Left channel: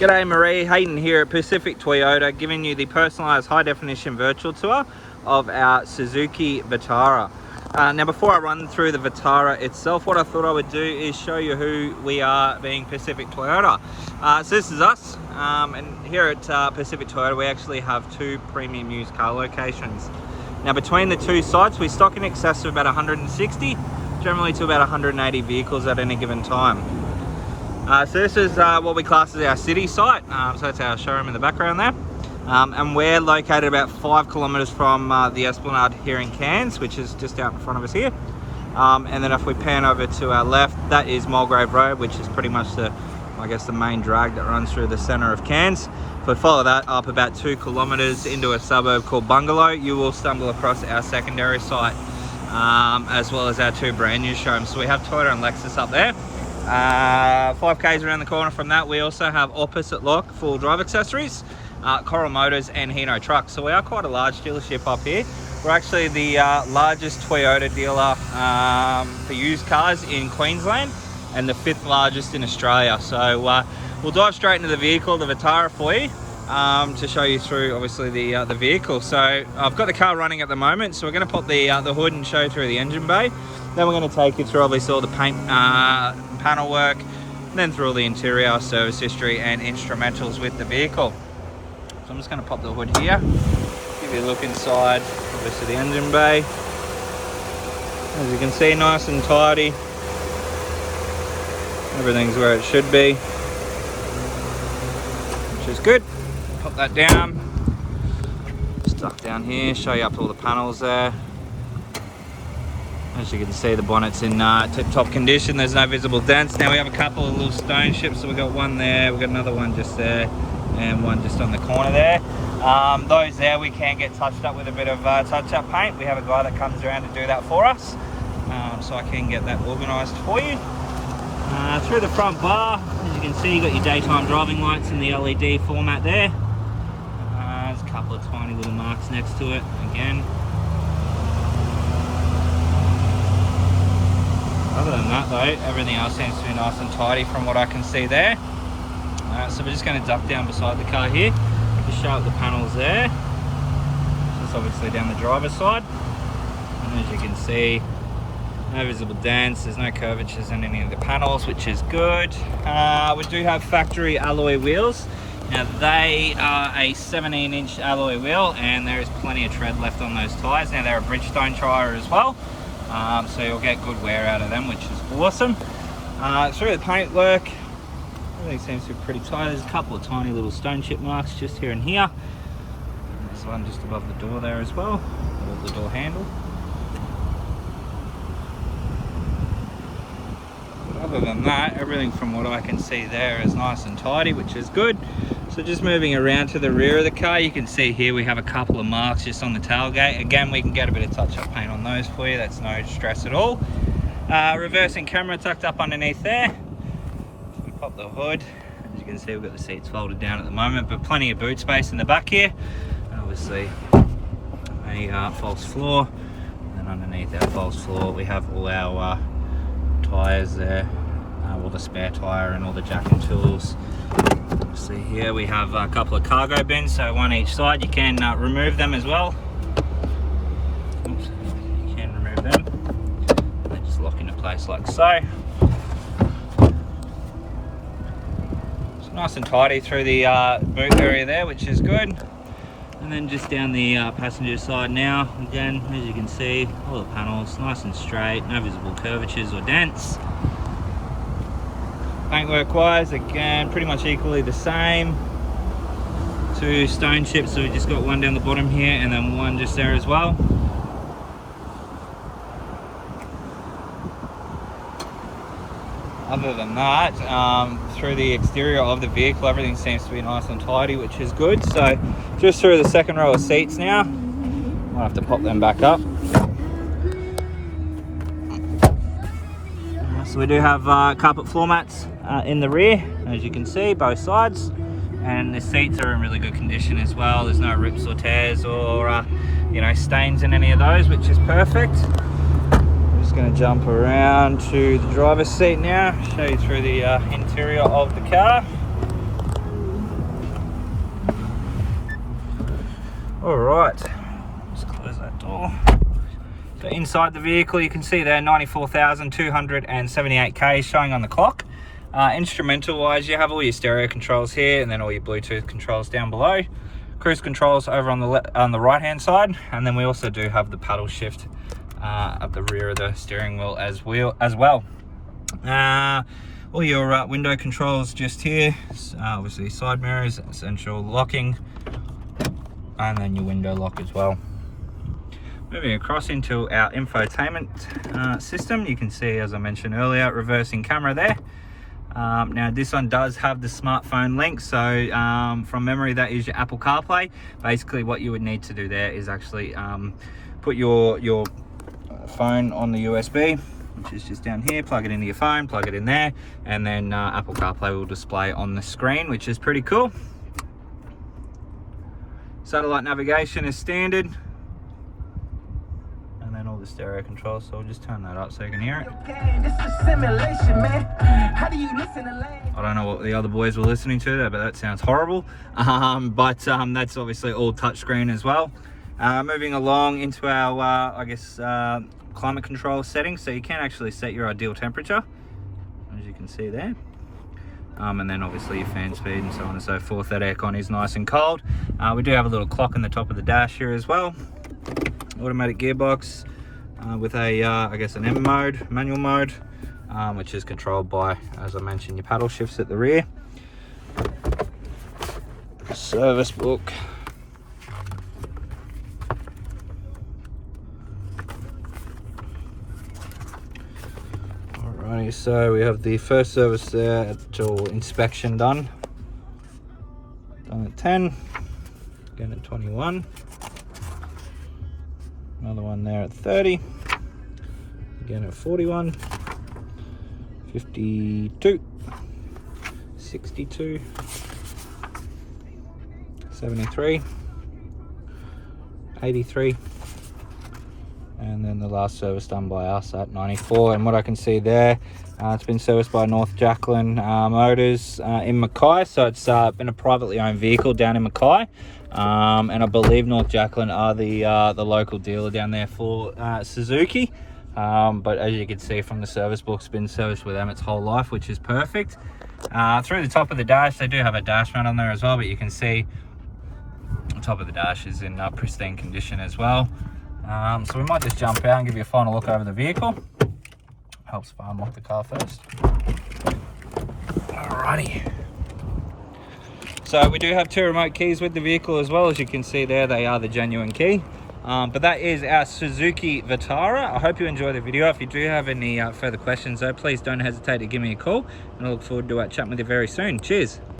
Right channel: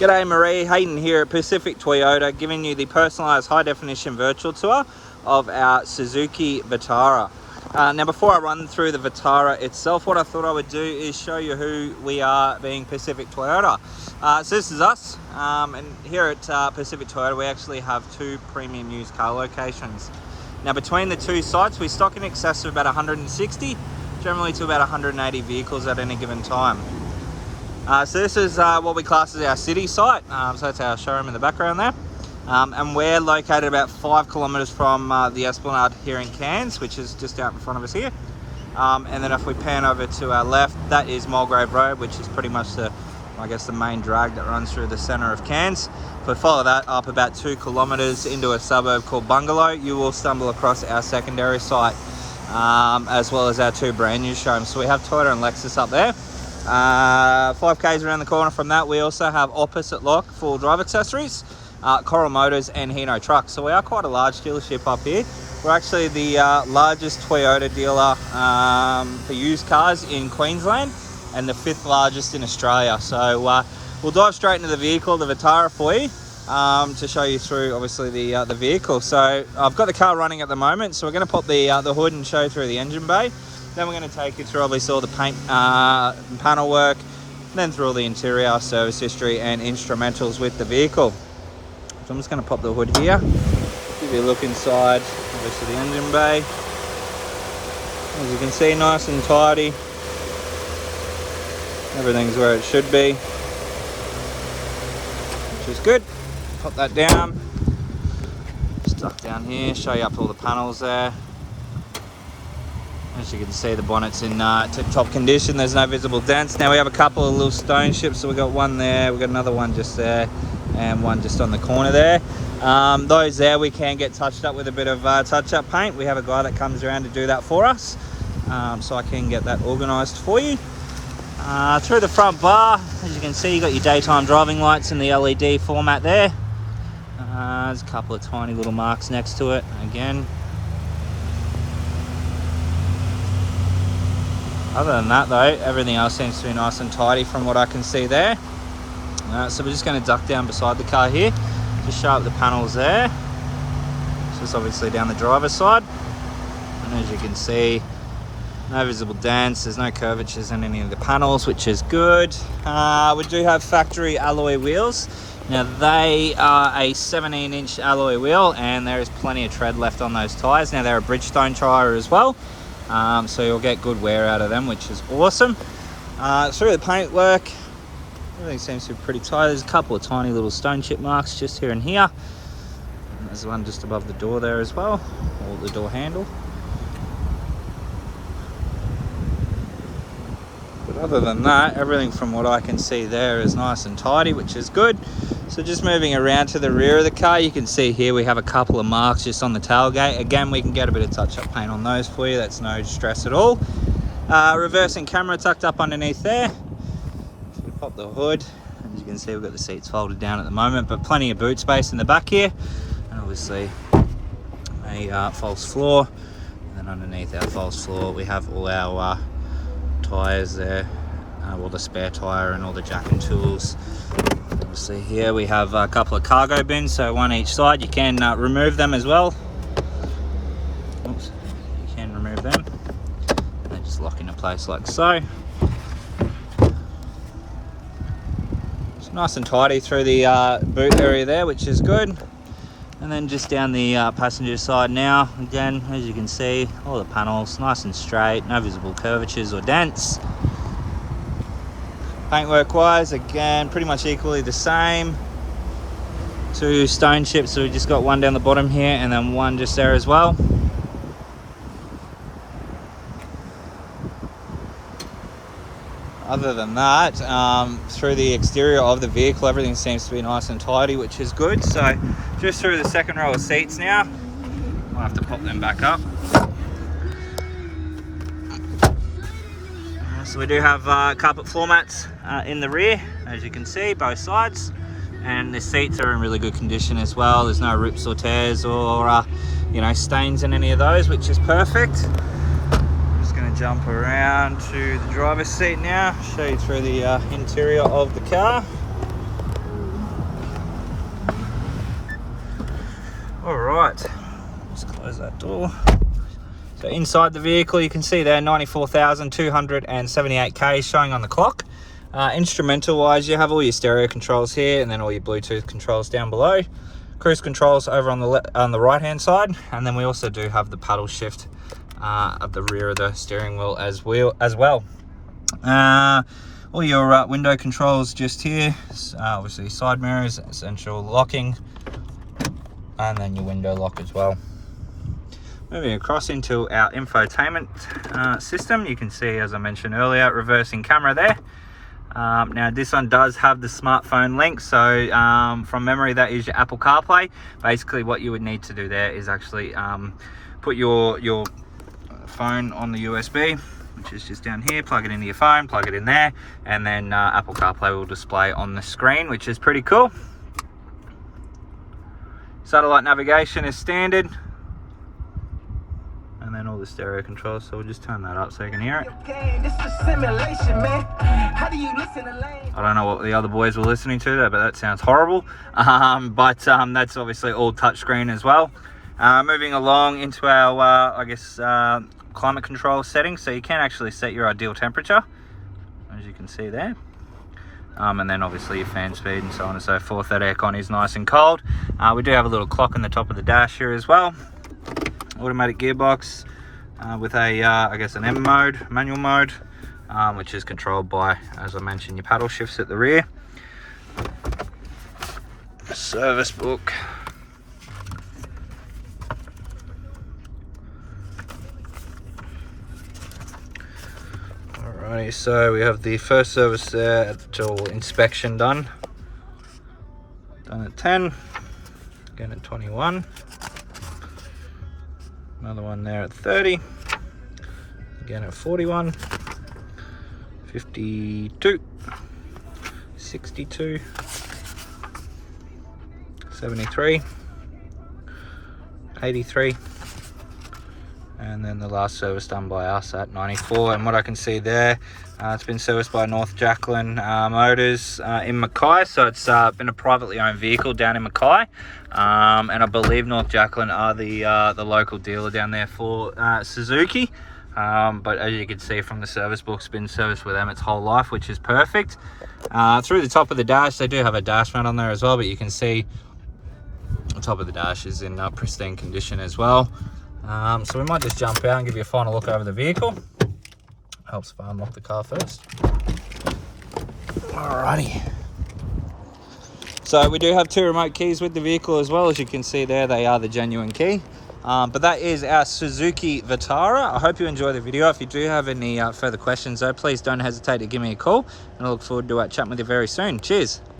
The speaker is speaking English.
G'day Marie, Hayden here at Pacific Toyota, giving you the personalised high-definition virtual tour of our Suzuki Vitara. Now before I run through the Vitara itself, what I thought I would do is show you who we are, being Pacific Toyota. So this is us, and here at Pacific Toyota we actually have two premium used car locations. Now between the two sites we stock in excess of about 160, generally to about 180 vehicles at any given time. So this is what we class as our city site, so that's our showroom in the background there. And we're located about 5 kilometres from the Esplanade here in Cairns, which is just out in front of us here. And then if we pan over to our left, that is Mulgrave Road, which is pretty much the main drag that runs through the centre of Cairns. If we follow that up about 2 kilometres into a suburb called Bungalow, you will stumble across our secondary site, as well as our two brand new showrooms. So we have Toyota and Lexus up there. 5k's around the corner from that, we also have opposite lock full drive accessories, Coral Motors and Hino Trucks. So we are quite a large dealership up here. We're actually the largest Toyota dealer for used cars in Queensland and the 5th largest in Australia. So we'll dive straight into the vehicle, the Vitara, for you to show you through obviously the vehicle. So I've got the car running at the moment, so we're going to pop the hood and show you through the engine bay. Then we're going to take you through obviously all the paint and panel work, and then through all the interior, service history and instrumentals with the vehicle. So I'm just going to pop the hood here, give you a look inside obviously the engine bay. As you can see, nice and tidy. Everything's where it should be, which is good. Pop that down, stuff down here, show you up all the panels there. As you can see, the bonnet's in tip-top condition. There's no visible dents. Now we have a couple of little stone chips, so we've got one there, we've got another one just there, and one just on the corner there. Those there we can get touched up with a bit of touch-up paint. We have a guy that comes around to do that for us, so I can get that organised for you. Through the front bar, as you can see, you've got your daytime driving lights in the LED format there. There's a couple of tiny little marks next to it again. Other than that though, everything else seems to be nice and tidy from what I can see there. So we're just going to duck down beside the car here, just show up the panels there. This is obviously down the driver's side. And as you can see, no visible dents, there's no curvatures in any of the panels, which is good. We do have factory alloy wheels. Now they are a 17-inch alloy wheel, and there is plenty of tread left on those tyres. Now they're a Bridgestone tyre as well. So you'll get good wear out of them, which is awesome. Through the paint work, everything seems to be pretty tight. There's a couple of tiny little stone chip marks just here and here. And there's one just above the door there as well, or the door handle. But other than that, everything from what I can see there is nice and tidy, which is good. So just moving around to the rear of the car, you can see here we have a couple of marks just on the tailgate. Again, we can get a bit of touch-up paint on those for you, that's no stress at all. Reversing camera tucked up underneath there. We pop the hood. As you can see, we've got the seats folded down at the moment, but plenty of boot space in the back here. And obviously a false floor. And then underneath our false floor, we have all our tyres there, all the spare tyre and all the jack and tools. Obviously here we have a couple of cargo bins, so one each side. You can remove them as well. Oops. You can remove them. They just lock into place like so. It's nice and tidy through the boot area there, which is good. And then just down the passenger side now, again, as you can see, all the panels nice and straight, no visible curvatures or dents. Paintwork wise, again, pretty much equally the same. 2 stone chips, so we just got one down the bottom here and then one just there as well. Other than that, through the exterior of the vehicle, everything seems to be nice and tidy, which is good. So just through the second row of seats now, I'll have to pop them back up. So we do have carpet floor mats in the rear, as you can see, both sides, and the seats are in really good condition as well. There's no rips or tears or stains in any of those, which is perfect. I'm just going to jump around to the driver's seat now, show you through the interior of the car. All right, just close that door. So inside the vehicle, you can see there 94,278 K showing on the clock. Instrumental wise, you have all your stereo controls here, and then all your Bluetooth controls down below. Cruise controls over on the right hand side, and then we also do have the paddle shift at the rear of the steering wheel as well. All your window controls just here, obviously side mirrors, essential locking, and then your window lock as well. Moving across into our infotainment system, you can see, as I mentioned earlier, reversing camera there. Now this one does have the smartphone link, so from memory that is your Apple CarPlay. Basically what you would need to do there is actually put your phone on the USB, which is just down here, plug it into your phone, plug it in there, and then Apple CarPlay will display on the screen, which is pretty cool. Satellite navigation is standard, and then all the stereo controls, so we'll just turn that up so you can hear it. I don't know what the other boys were listening to there, but that sounds horrible. That's obviously all touchscreen as well. Moving along into our climate control settings, so you can actually set your ideal temperature, as you can see there. And then obviously your fan speed and so on and so forth. That aircon is nice and cold. We do have a little clock on the top of the dash here as well. Automatic gearbox with a an M mode, manual mode, which is controlled by, as I mentioned, your paddle shifts at the rear. Service book. Alrighty, so we have the first service there, till inspection done at 10, again at 21, another one there at 30, again at 41, 52, 62, 73, 83, and then the last service done by us at 94. And what I can see there, it's been serviced by North Jacqueline Motors in Mackay, so it's been a privately owned vehicle down in Mackay, and I believe North Jacqueline are the local dealer down there for Suzuki. But as you can see from the service book, it's been serviced with them its whole life, which is perfect. Through the top of the dash, they do have a dash mat on there as well, but you can see the top of the dash is in pristine condition as well. So we might just jump out and give you a final look over the vehicle. Helps if I unlock the car first. Alrighty. So we do have 2 remote keys with the vehicle as well. As you can see there, they are the genuine key. But that is our Suzuki Vitara. I hope you enjoyed the video. If you do have any further questions though, please don't hesitate to give me a call, and I look forward to chatting with you very soon. Cheers.